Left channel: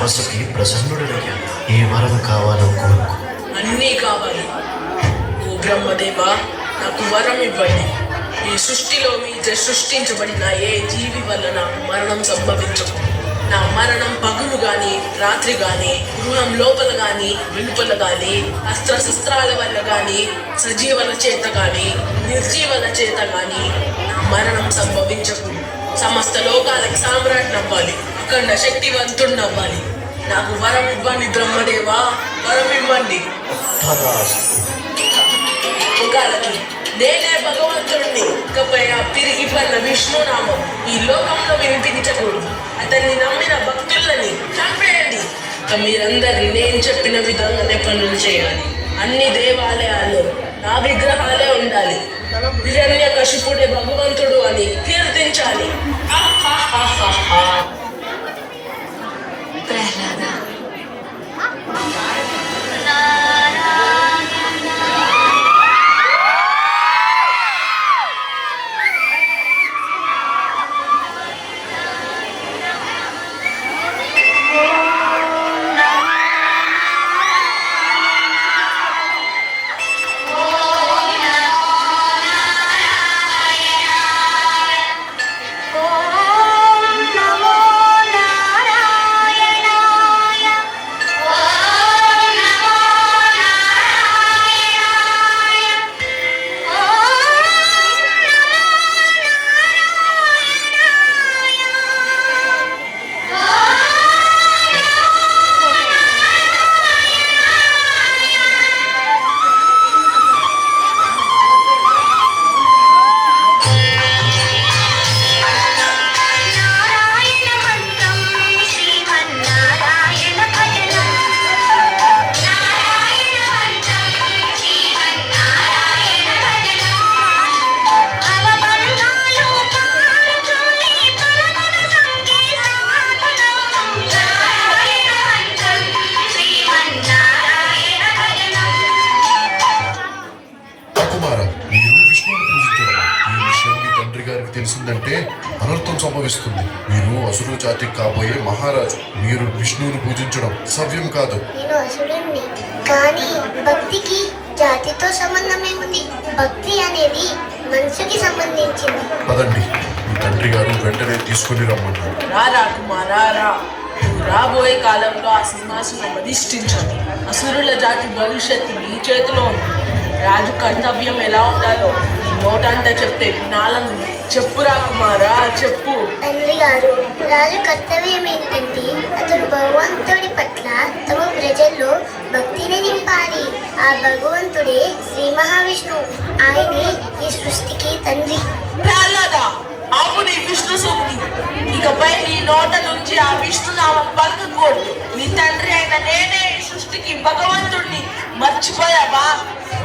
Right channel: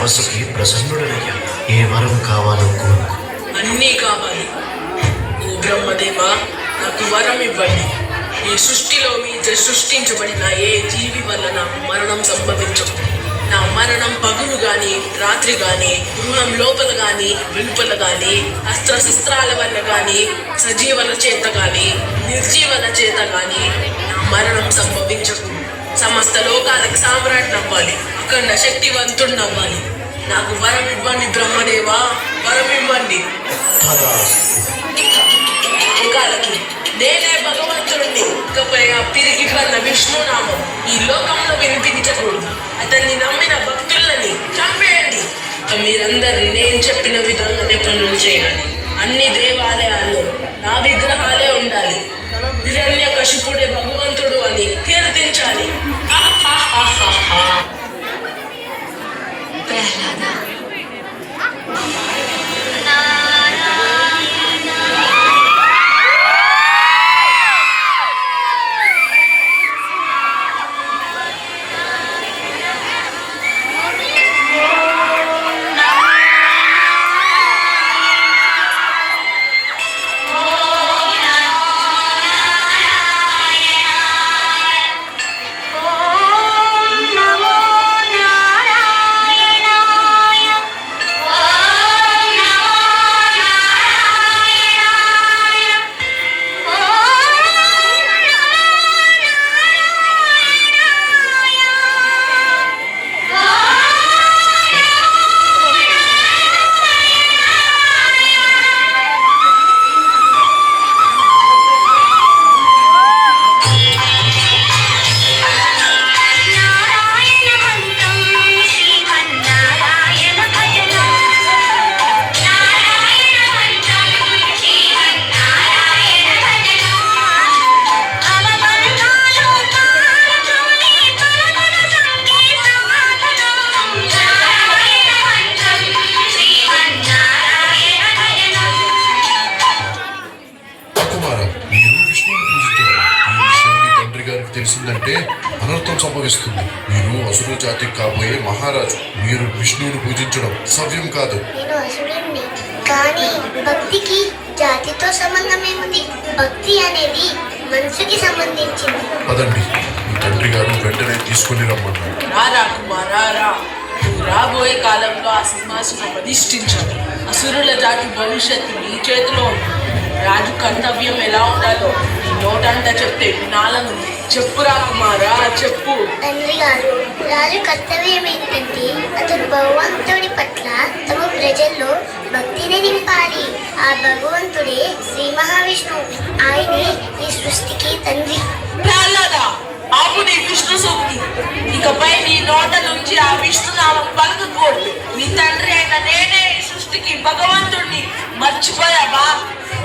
తపస్సుకి ప్రసన్నుడనయ్యా. ఏ వరం కావాలో కోరుకో. అన్నీ కావాలి. ఓ బ్రహ్మదేవ, నాకు వరం ఇవ్వండి. ఈ సృష్టిలో మీతో సృష్టించబడిన ఏ జీవి వల్ల నాకు మరణం సంభవించదు. నా మరణం పగులు గాని రాత్రి గాని, గృహం లోపల గాని వెలుపల గాని, అస్త్రశస్త్రాల వల్ల గాని, సజీవల చేత గాని నిర్జీవల చేత గాని నా మరణం సంభవించదు. సమస్త లోకాలకి సామ్రాట్ నవ్వాలి, అఖండ శక్తివంతుణ్ణవ్వాలి. నాకు వరం ఇవ్వండి బ్రహ్మదేవా, వరం ఇవ్వండి. లోకాలకి నేనే భగవంతుడిని. ఇకపై ఆ పిరిగి పన్న విష్ణునామం ఈ లోకంలో వినిపించకూడదు. అతన్ని నమ్మిన భక్తులని చంపేయండి. మీరందరి నేను చెప్పిన విధంగానే పనులు చేయాలి. అన్ని దేవాలయాల్లో నా విగ్రహాలే ఉండాలి. హిరణ్యకశిపుడే భగవంతుడు అని కీర్తించాలి. తెలిసిందంటే అనర్థం సంభవిస్తుంది. నేను అసురు జాతికి కాబోయే మహారాజు. మీరు విష్ణువుని పూజించడం సవ్యం కాదు. నేను అసురుణ్ణి, కానీ భక్తికి జాతితో సంబంధం ఏముంది? భక్తి అనేది మనసుకి సంబంధించింది. పదండి, మీ తండ్రి గారు వెంటనే తీసుకుని రమ్మన్నారు. రాబోయే కాలంలో ఆ సింహాసనం అధిష్ఠించాలి. అసురుల జాతి భవిష్యత్తు నీ చేతిలో ఉంది. రాజు కర్తవ్యం ఎలా ఉండాలో ఈ నోటంట చెప్తే వినాలనుంది. చెప్పురా కుమారా, చెప్పు. తండ్రి గారు, రాజు కర్తవ్యం ఏంటంటే అతడు భగవంతుడి పట్ల తమ ప్రజల్లో భక్తిని నింపాలి. ఆ భగవంతుడే శ్రీ మహావిష్ణువు. ఆయనే ఈ సృష్టికి తండ్రి. ఆపు నీ విష్ణు సూక్తి. ఇకపై నీ నోట నుంచి ఆ విష్ణునామం పలుకుకూడదు. నీ తండ్రి అయిన నేనే ఈ సృష్టికి భగవంతుడిని. మర్చిపోయావా?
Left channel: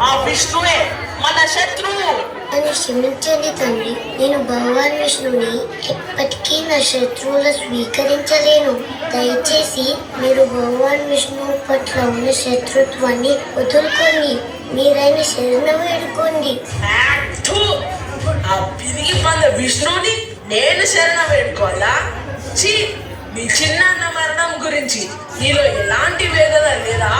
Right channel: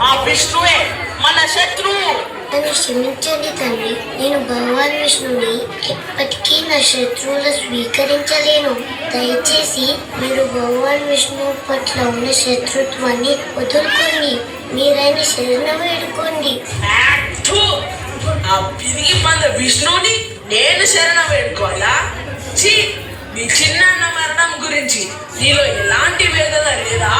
ఆ విష్ణువే మన శత్రువు. నన్ను క్షమించండి తండ్రి. నేను భగవాన్ విష్ణుని ఎప్పటికీ నా శత్రువులు స్వీకరించలేను. దయచేసి మీరు భగవాన్ విష్ణువు పట్ల ఉన్న శత్రుత్వాన్ని వదులుకోండి. మీరైన శరణ వేడుకోండి. ఆ పిరిగి పంద విష్ణుని నేను శరణ వేడుకోవాలా? నీ చిన్న మరణం గురించి నీలో ఎలాంటి వేదన లేదా?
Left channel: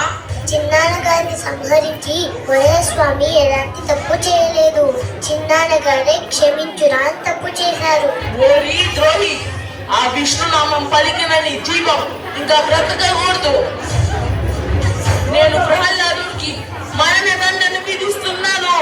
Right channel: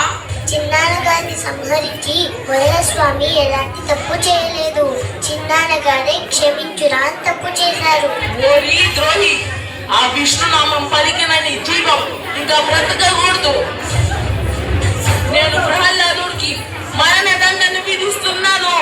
చిన్నాన్నగారిని సంహరించి వరస్వామి ఎలాంటి తప్పు చేయలేదు. చిన్నాన్నగారే క్షమించురా తప్పు చేశారు. ఓరి ద్రోహి, ఆ విష్ణునామం పలికిన నీ జీవం ఇంకా బ్రతకకూడదు. నేను ప్రహ్లాదుడికి మరణ దండను విధిస్తున్నాను.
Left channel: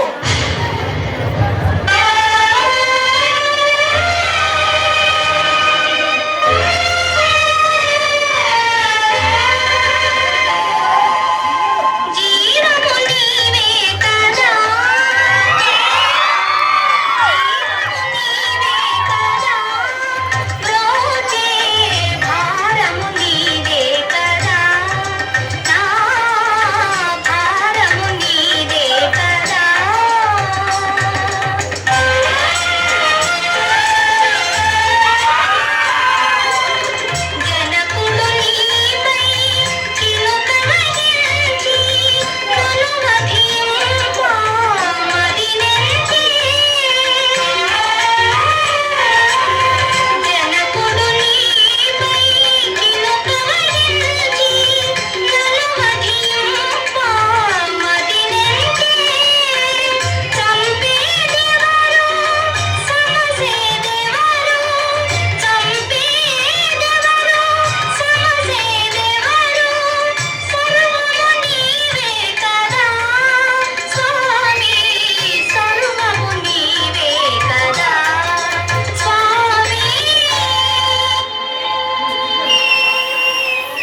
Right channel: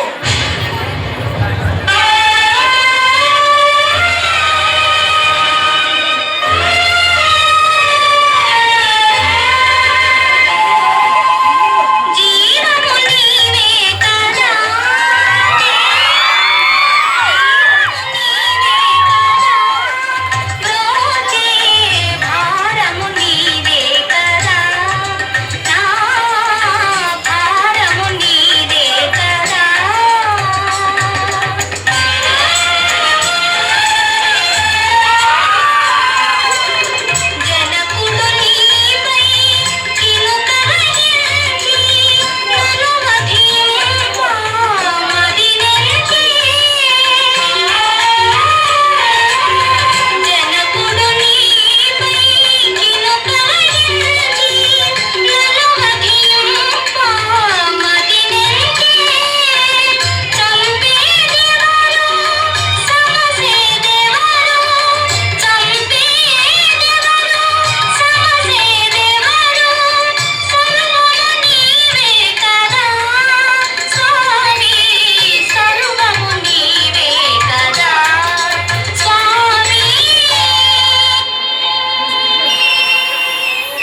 భారము నీ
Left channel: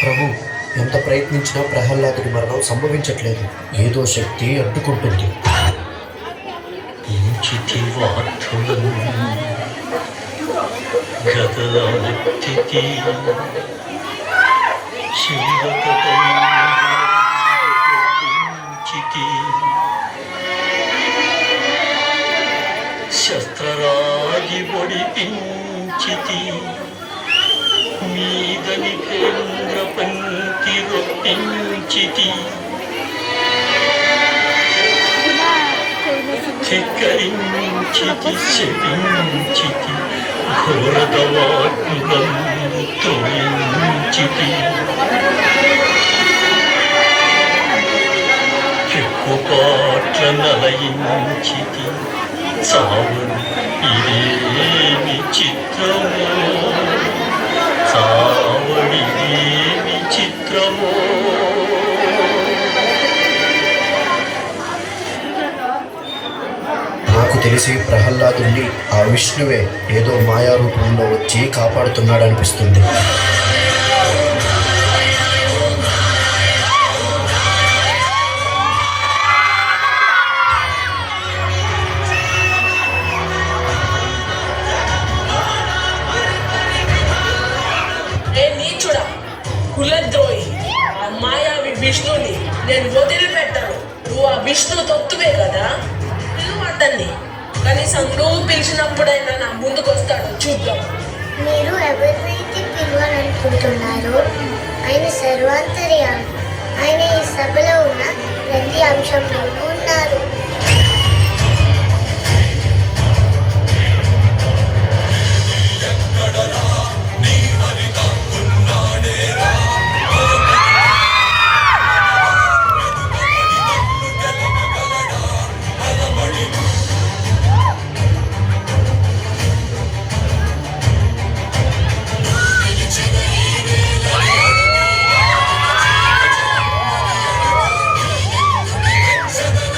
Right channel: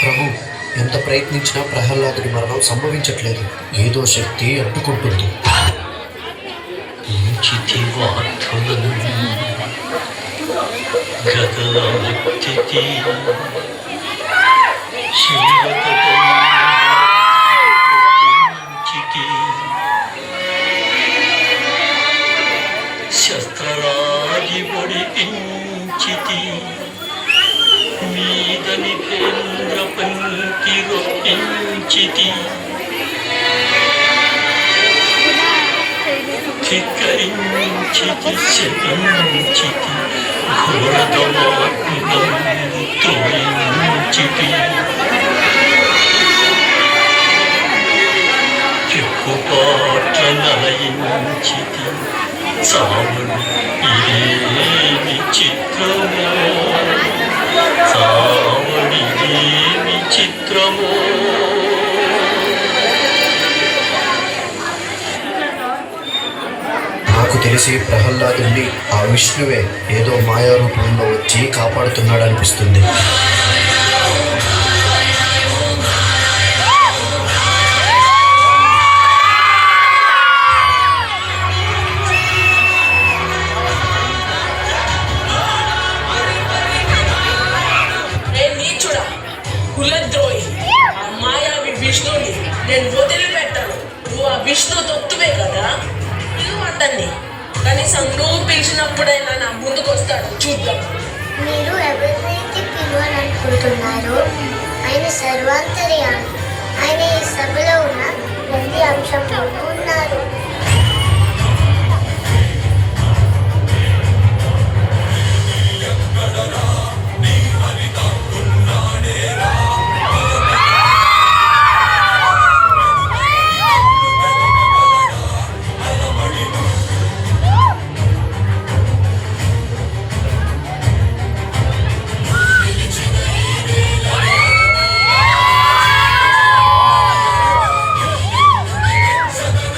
ప్రభు, ఎంత ప్రయత్నించినా ప్రహ్లాదుడి మరణం సంభవించట్లేదు. ఏదో శక్తి అడ్డుకుంటుంది. శస్త్రరాగి పొడిపించితి మీదని కేంద్ర పంక్తి రొప్పించితి ధిక్కరించితి శపించితి ఘోరదవాగ్నం త్రోయించితి పిక్కుపాట్ల నలయించితి చావుడు ఇదేమి చిత్రమో చావడిదేమి చిత్రమో నాకు తెలిసి ప్రహ్లాదుని ఆ విష్ణువే ఏదో మాయా రూపంలో వచ్చి కాపాడుతున్నాడనిపిస్తుంది. ఏ నీచుడా, కులద్రోహి, ఆ మాయావి విష్ణుని నేను వదిలిపెట్టాను. నువ్వు ఆ విష్ణు తొత్తువే కదా, పిలువు అతన్ని. కనీసం నువ్వు పిలిచినప్పుడైనా నా ముందుకు వస్తాడు, చూద్దాం. మీరు ఎవరినైతే పిలవాలనుకుంటున్నారో ఆయన సర్వాంతర్యామి. ఆయన ఈ సభలో ఉన్న ప్రతి అంశంలోనూ ఉన్నారు. సదా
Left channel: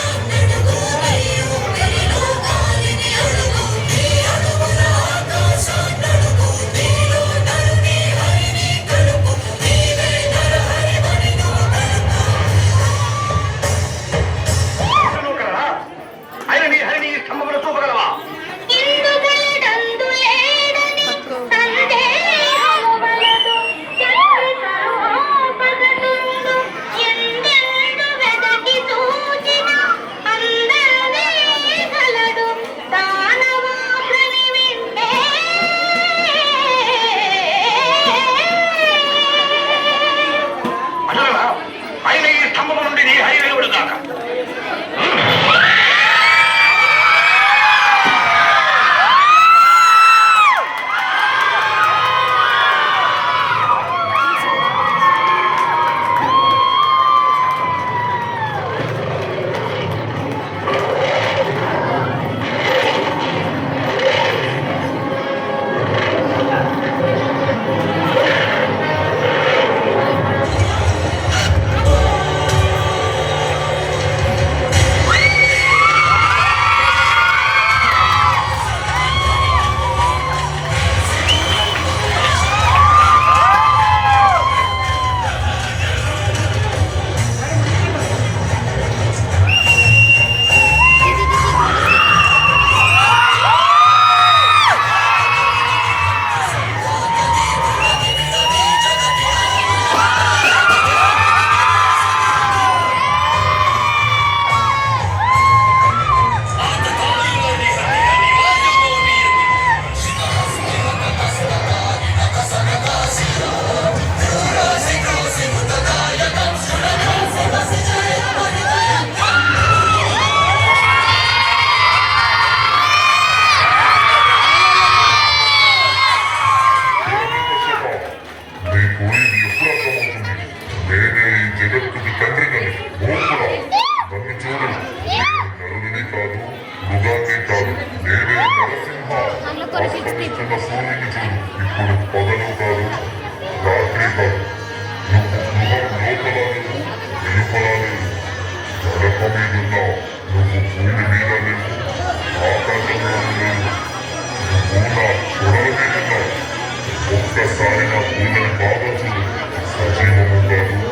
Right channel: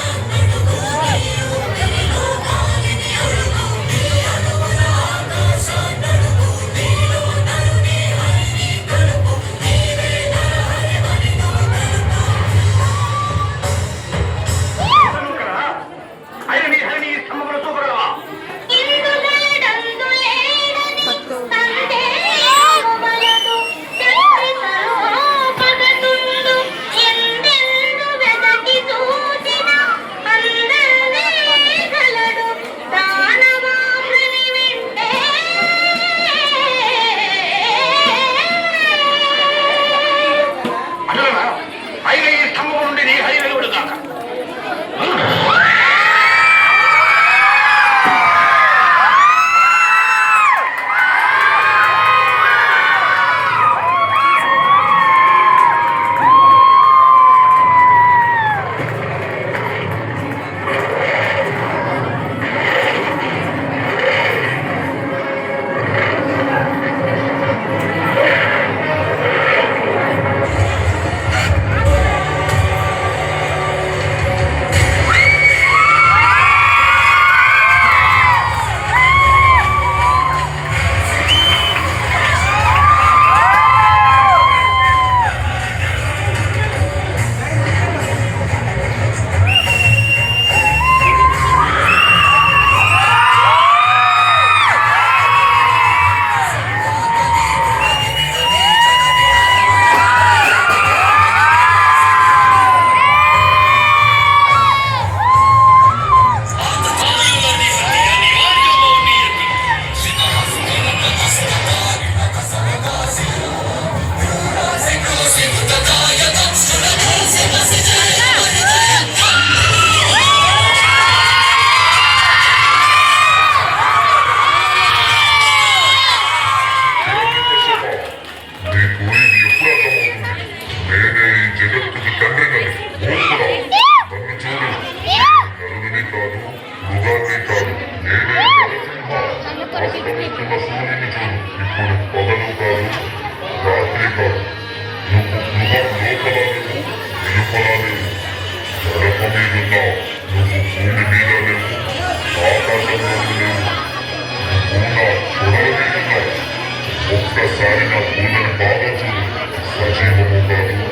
వేడిని